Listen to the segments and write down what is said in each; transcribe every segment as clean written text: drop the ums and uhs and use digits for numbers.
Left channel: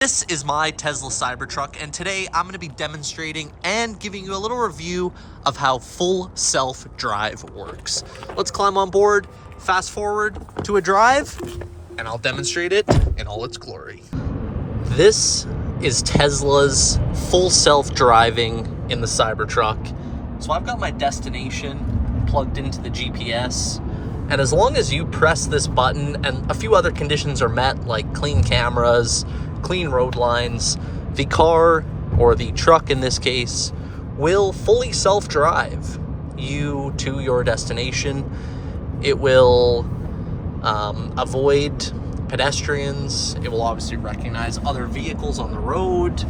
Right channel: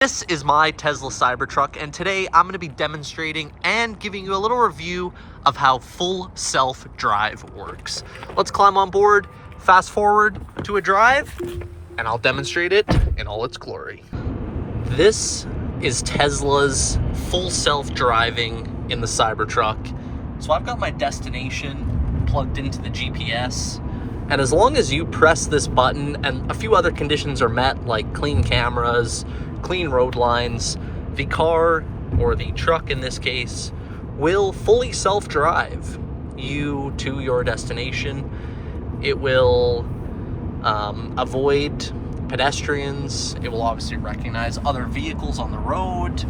This is my Tesla Cybertruck, and today I'm going to be demonstrating and giving you a little review of how full self-drive works. Let's climb on board, fast forward to a drive, and I'll demonstrate it in all its glory. This is Tesla's full self-driving in the Cybertruck. So I've got my destination plugged into the GPS, and as long as you press this button and a few other conditions are met, like clean cameras, clean road lines, the car, or the truck in this case, will fully self-drive you to your destination. It will avoid pedestrians. It will obviously recognize other vehicles on the road.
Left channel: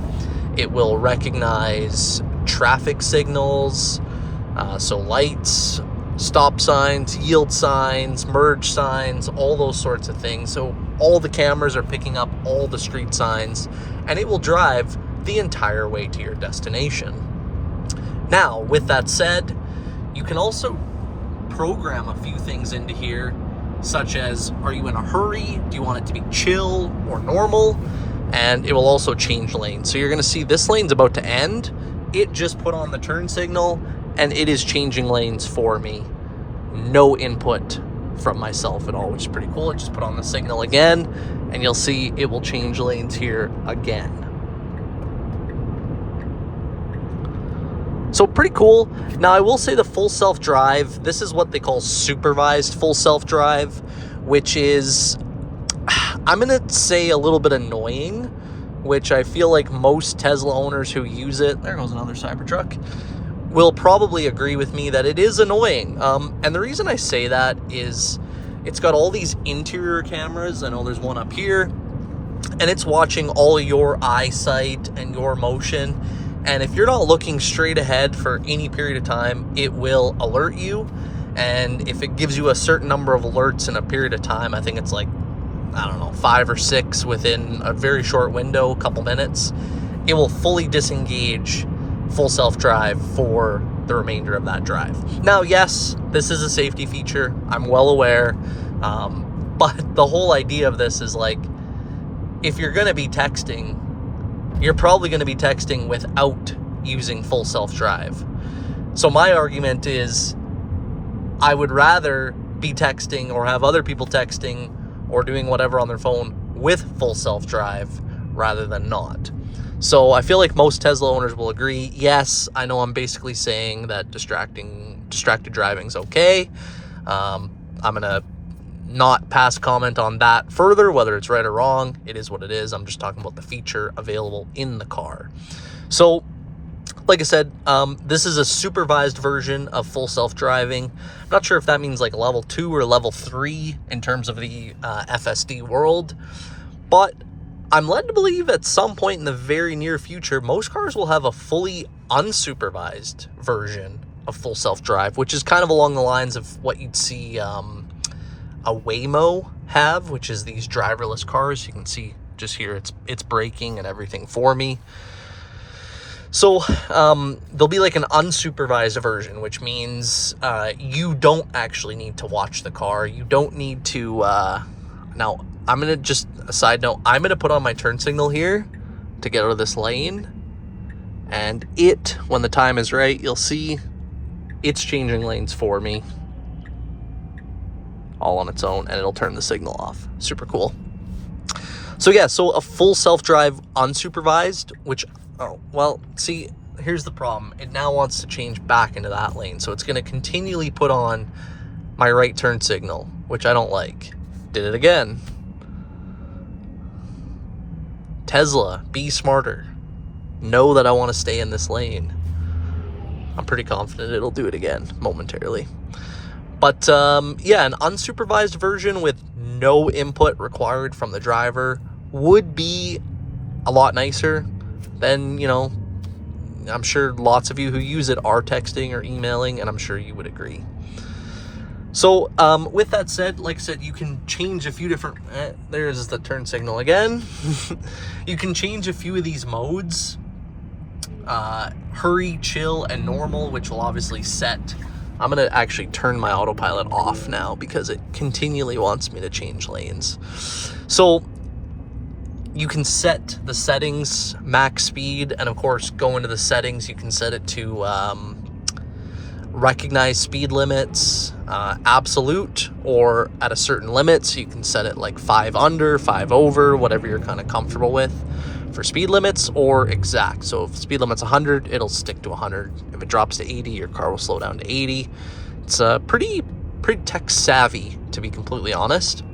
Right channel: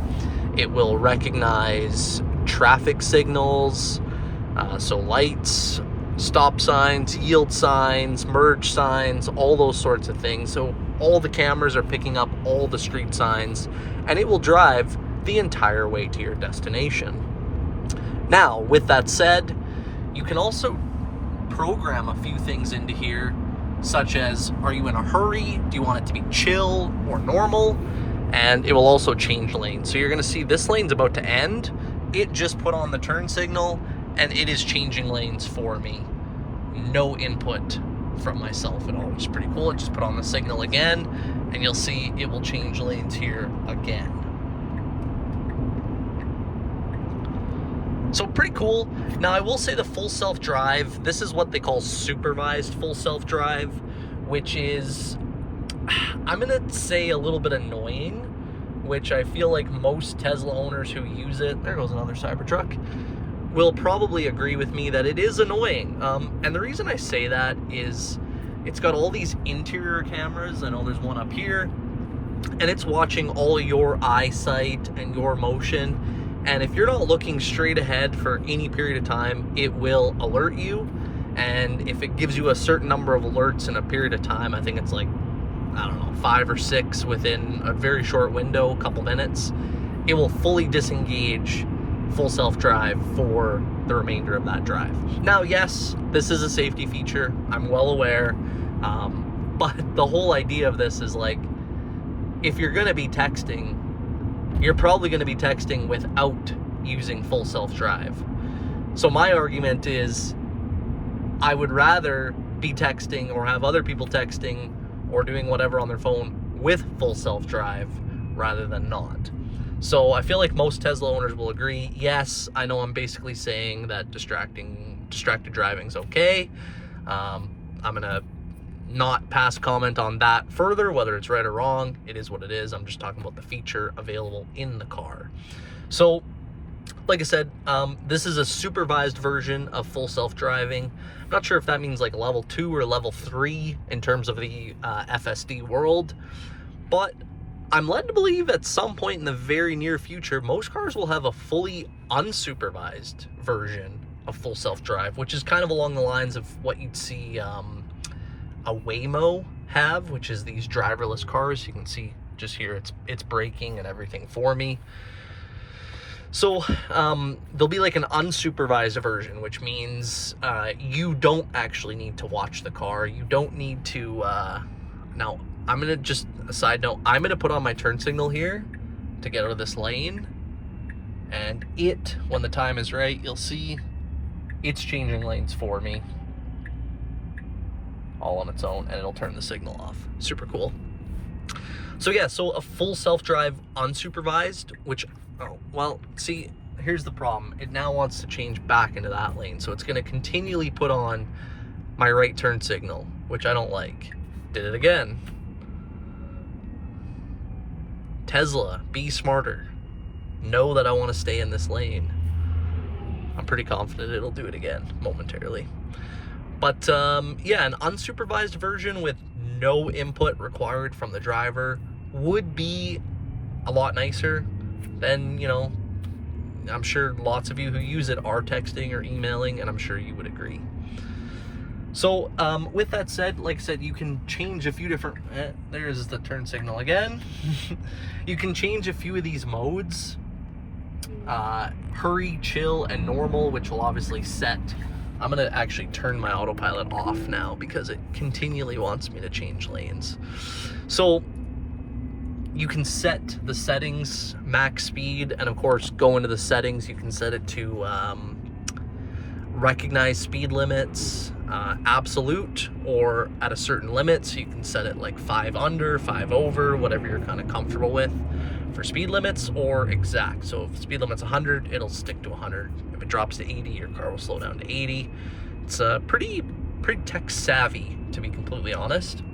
It will recognize traffic signals, so lights, stop signs, yield signs, merge signs, all those sorts of things. So all the cameras are picking up all the street signs, and it will drive the entire way to your destination. Now, with that said, you can also program a few things into here, such as, are you in a hurry? Do you want it to be chill or normal? And it will also change lanes. So you're gonna see this lane's about to end. It just put on the turn signal, and it is changing lanes for me. No input from myself at all, which is pretty cool. It just put on the signal again, and you'll see it will change lanes here again. So pretty cool. Now I will say the full self-drive, this is what they call supervised full self-drive, which is, I'm gonna say, a little bit annoying, which I feel like most Tesla owners who use it, there goes another Cybertruck, will probably agree with me that it is annoying. And the reason I say that is it's got all these interior cameras. I know there's one up here, and it's watching all your eyesight and your motion. And if you're not looking straight ahead for any period of time, it will alert you. And if it gives you a certain number of alerts in a period of time, I think it's like, I don't know, 5 or 6 within a very short window, a couple minutes, it will fully disengage full self-drive for the remainder of that drive. Now, yes, this is a safety feature. I'm well aware. But the whole idea of this is, like, if you're going to be texting, you're probably going to be texting without using full self-drive. So my argument is I would rather be texting or have other people texting or doing whatever on their phone with full self-drive rather than not. So I feel like most Tesla owners will agree. Yes, I know I'm basically saying that distracted driving is okay. I'm gonna not pass comment on that further, whether it's right or wrong. It is what it is. I'm just talking about the feature available in the car. So, like I said, this is a supervised version of full self-driving. I'm not sure if that means like level 2 or level 3 in terms of the FSD world, but I'm led to believe at some point in the very near future, most cars will have a fully unsupervised version of full self-drive, which is kind of along the lines of what you'd see a Waymo have, which is these driverless cars. You can see just here, it's braking and everything for me. So there'll be like an unsupervised version, which means you don't actually need to watch the car. You don't need to, now, I'm going to just, a side note, I'm going to put on my turn signal here to get out of this lane. And it, when the time is right, you'll see it's changing lanes for me all on its own, and it'll turn the signal off. Super cool. So yeah, so a full self-drive unsupervised, which, oh, well, see, here's the problem. It now wants to change back into that lane. So it's going to continually put on my right turn signal, which I don't like. Did it again. Tesla, be smarter. Know that I want to stay in this lane. I'm pretty confident it'll do it again momentarily. But yeah, an unsupervised version with no input required from the driver would be a lot nicer. Then, you know, I'm sure lots of you who use it are texting or emailing, and I'm sure you would agree. So with that said, like I said, you can change a few different, there's the turn signal again. You can change a few of these modes, hurry, chill, and normal, which will obviously set. I'm gonna actually turn my autopilot off now because it continually wants me to change lanes. So you can set the settings, max speed, and of course go into the settings. You can set it to recognize speed limits, absolute, or at a certain limit. So you can set it like 5 under, 5 over, whatever you're kind of comfortable with for speed limits, or exact. So if speed limit's 100, it'll stick to 100. If it drops to 80, your car will slow down to 80. It's pretty tech savvy, to be completely honest.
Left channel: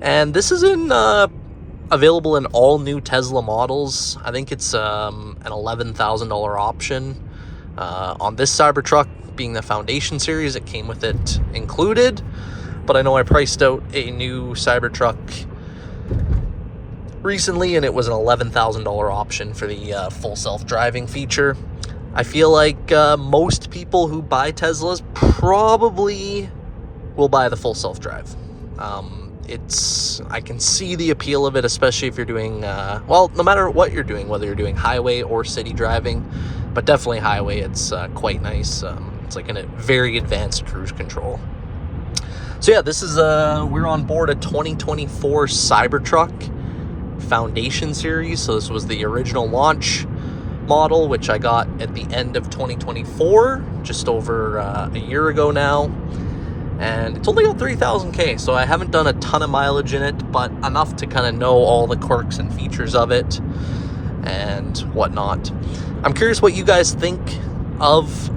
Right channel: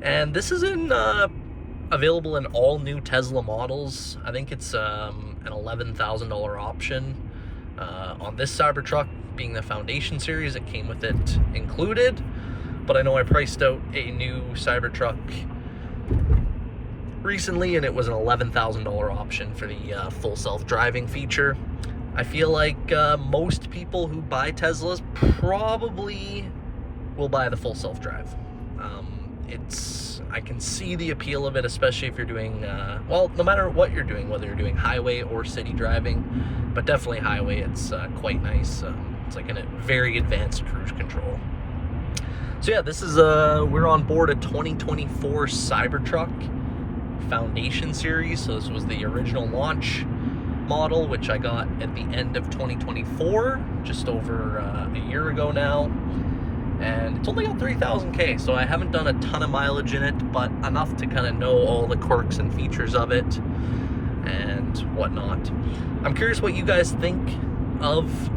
And this is available in all new Tesla models. I think it's an $11,000 option. On this Cybertruck, being the Foundation series, it came with it included. But I know I priced out a new Cybertruck recently, and it was an $11,000 option for the full self-driving feature. I feel like most people who buy Teslas probably will buy the full self-drive. I can see the appeal of it, especially if you're doing, well, no matter what you're doing, whether you're doing highway or city driving, but definitely highway, it's quite nice. It's like a very advanced cruise control. So yeah, this is, we're on board a 2024 Cybertruck Foundation series. So this was the original launch model, which I got at the end of 2024, just over a year ago now. And it's only got 3,000K, so I haven't done a ton of mileage in it, but enough to kind of know all the quirks and features of it and whatnot. I'm curious what you guys think of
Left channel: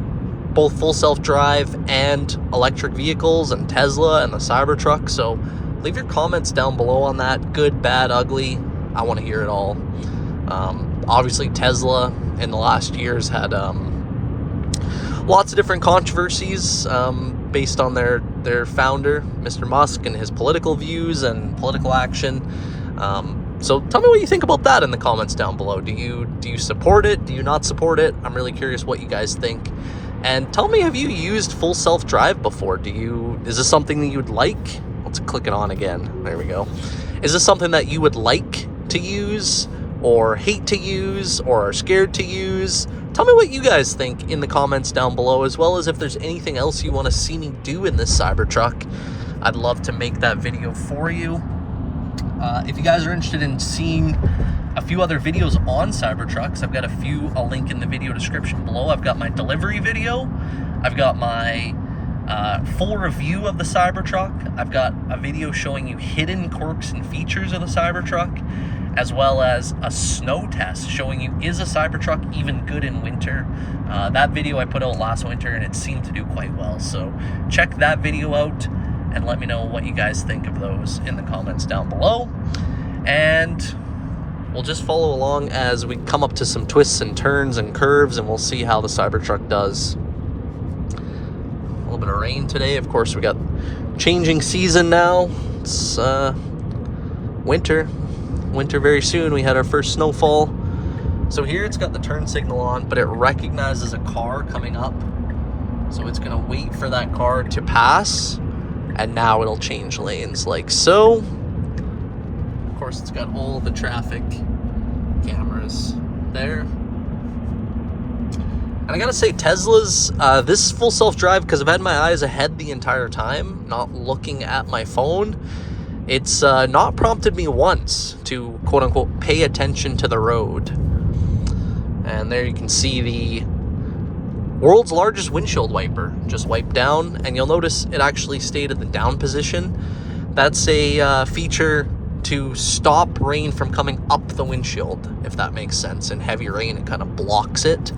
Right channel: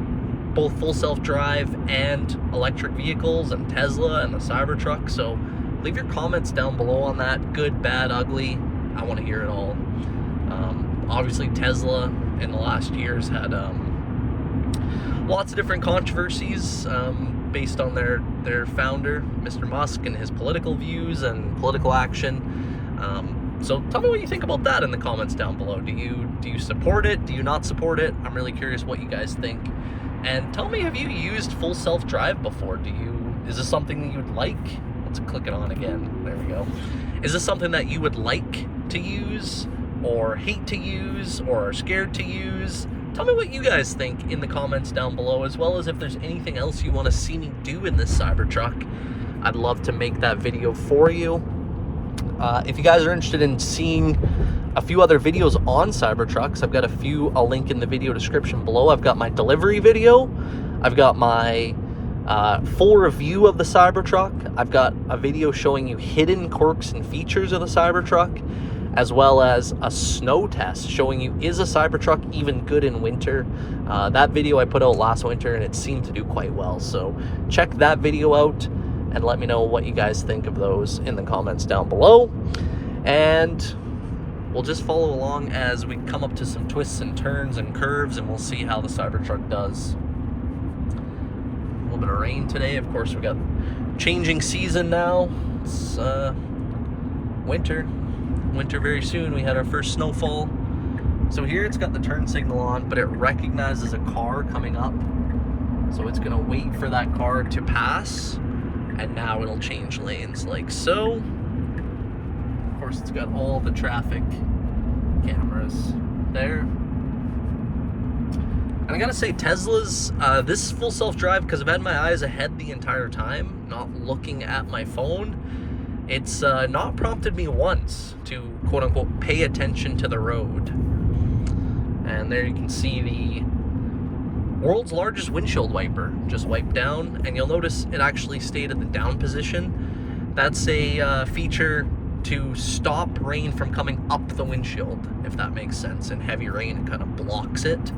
both full self-drive and electric vehicles and Tesla and the Cybertruck, so leave your comments down below on that. Good, bad, ugly. I want to hear it all. Obviously, Tesla in the last years had lots of different controversies based on their founder, Mr. Musk, and his political views and political action. So tell me what you think about that in the comments down below. Do you support it? Do you not support it? I'm really curious what you guys think. And tell me, have you used full self-drive before? Is this something that you would like? Let's click it on again. There we go. Is this something that you would like to use, or hate to use, or are scared to use? Tell me what you guys think in the comments down below, as well as if there's anything else you want to see me do in this Cybertruck. I'd love to make that video for you. If you guys are interested in seeing a few other videos on Cybertrucks, I've got a few I'll link in the video description below. I've got my delivery video. I've got my full review of the Cybertruck. I've got a video showing you hidden quirks and features of the Cybertruck, as well as a snow test showing you, is a Cybertruck even good in winter? That video I put out last winter, and it seemed to do quite well. So check that video out and let me know what you guys think of those in the comments down below. And we'll just follow along as we come up to some twists and turns and curves, and we'll see how the Cybertruck does. A little bit of rain today. Of course, we got changing season now. It's winter very soon. We had our first snowfall. So here it's got the turn signal on, but it recognizes a car coming up. So it's gonna wait for that car to pass, and now it'll change lanes like so. Of course, it's got all the traffic cameras there. And I gotta say, Tesla's, this full self-drive, because I've had my eyes ahead the entire time, not looking at my phone, it's not prompted me once to, quote-unquote, pay attention to the road. And there you can see the world's largest windshield wiper just wiped down, and you'll notice it actually stayed at the down position. That's a feature to stop rain from coming up the windshield, if that makes sense. In heavy rain, it kind of blocks it.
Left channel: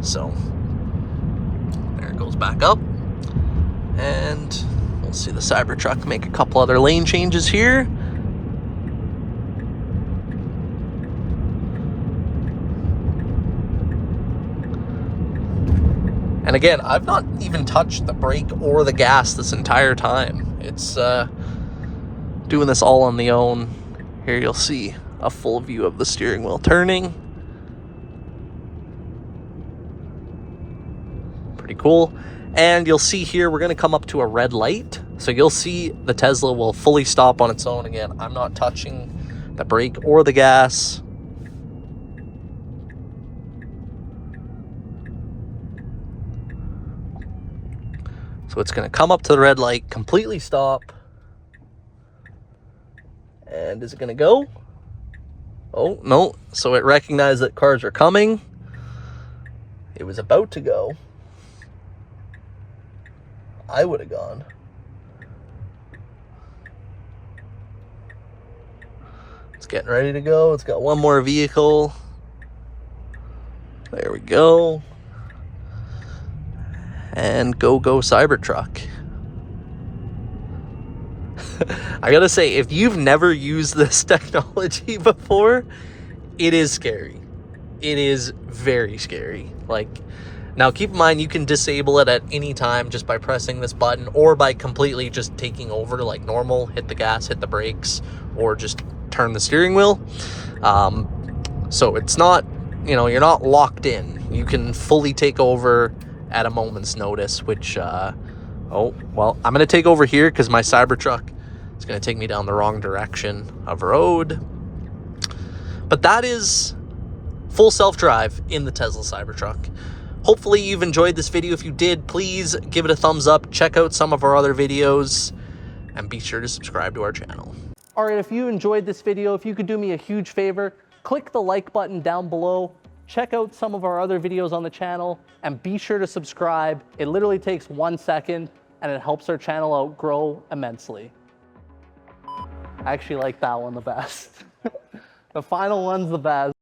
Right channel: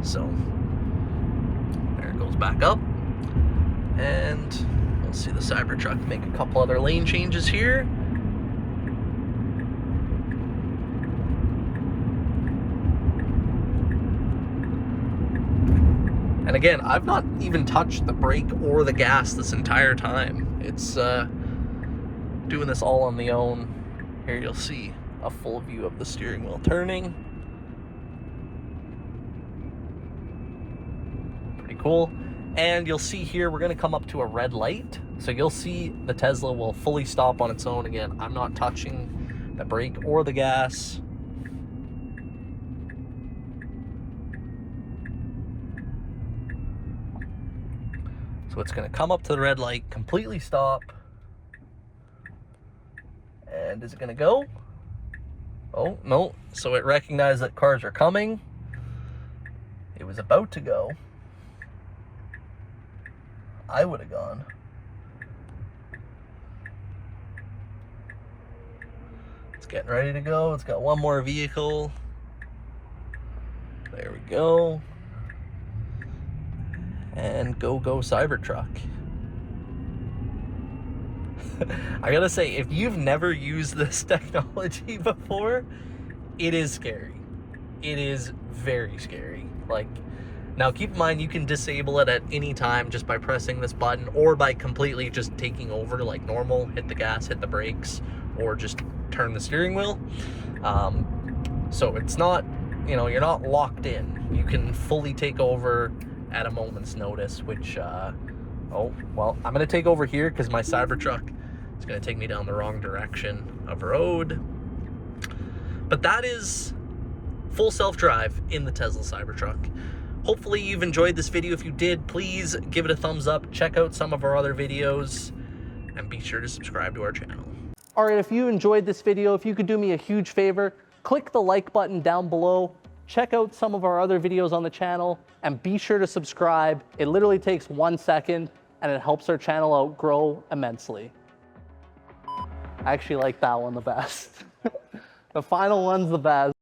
So there it goes back up, and we'll see the Cybertruck make a couple other lane changes here. And again, I've not even touched the brake or the gas this entire time. It's doing this all on the own. Here you'll see a full view of the steering wheel turning. Pretty cool. And you'll see here, we're gonna come up to a red light. So you'll see the Tesla will fully stop on its own. Again, I'm not touching the brake or the gas. So it's gonna come up to the red light, completely stop. And is it gonna go? Oh, no. So it recognized that cars were coming. It was about to go. I would have gone. It's getting ready to go. It's got one more vehicle. There we go. And go Cybertruck. I gotta say, if you've never used this technology before, it is scary. It is very scary. Like, now keep in mind, you can disable it at any time just by pressing this button, or by completely just taking over like normal, hit the gas, hit the brakes, or just turn the steering wheel. So it's not, you know, you're not locked in. You can fully take over at a moment's notice, which, oh, well, I'm gonna take over here because my Cybertruck is gonna take me down the wrong direction of road. But that is full self-drive in the Tesla Cybertruck. Hopefully you've enjoyed this video. If you did, please give it a thumbs up, check out some of our other videos, and be sure to subscribe to our channel. All right, if you enjoyed this video, if you could do me a huge favor, click the like button down below, check out some of our other videos on the channel, and be sure to subscribe. It literally takes 1 second, and it helps our channel out grow immensely. I actually like that one the best. The final one's the best.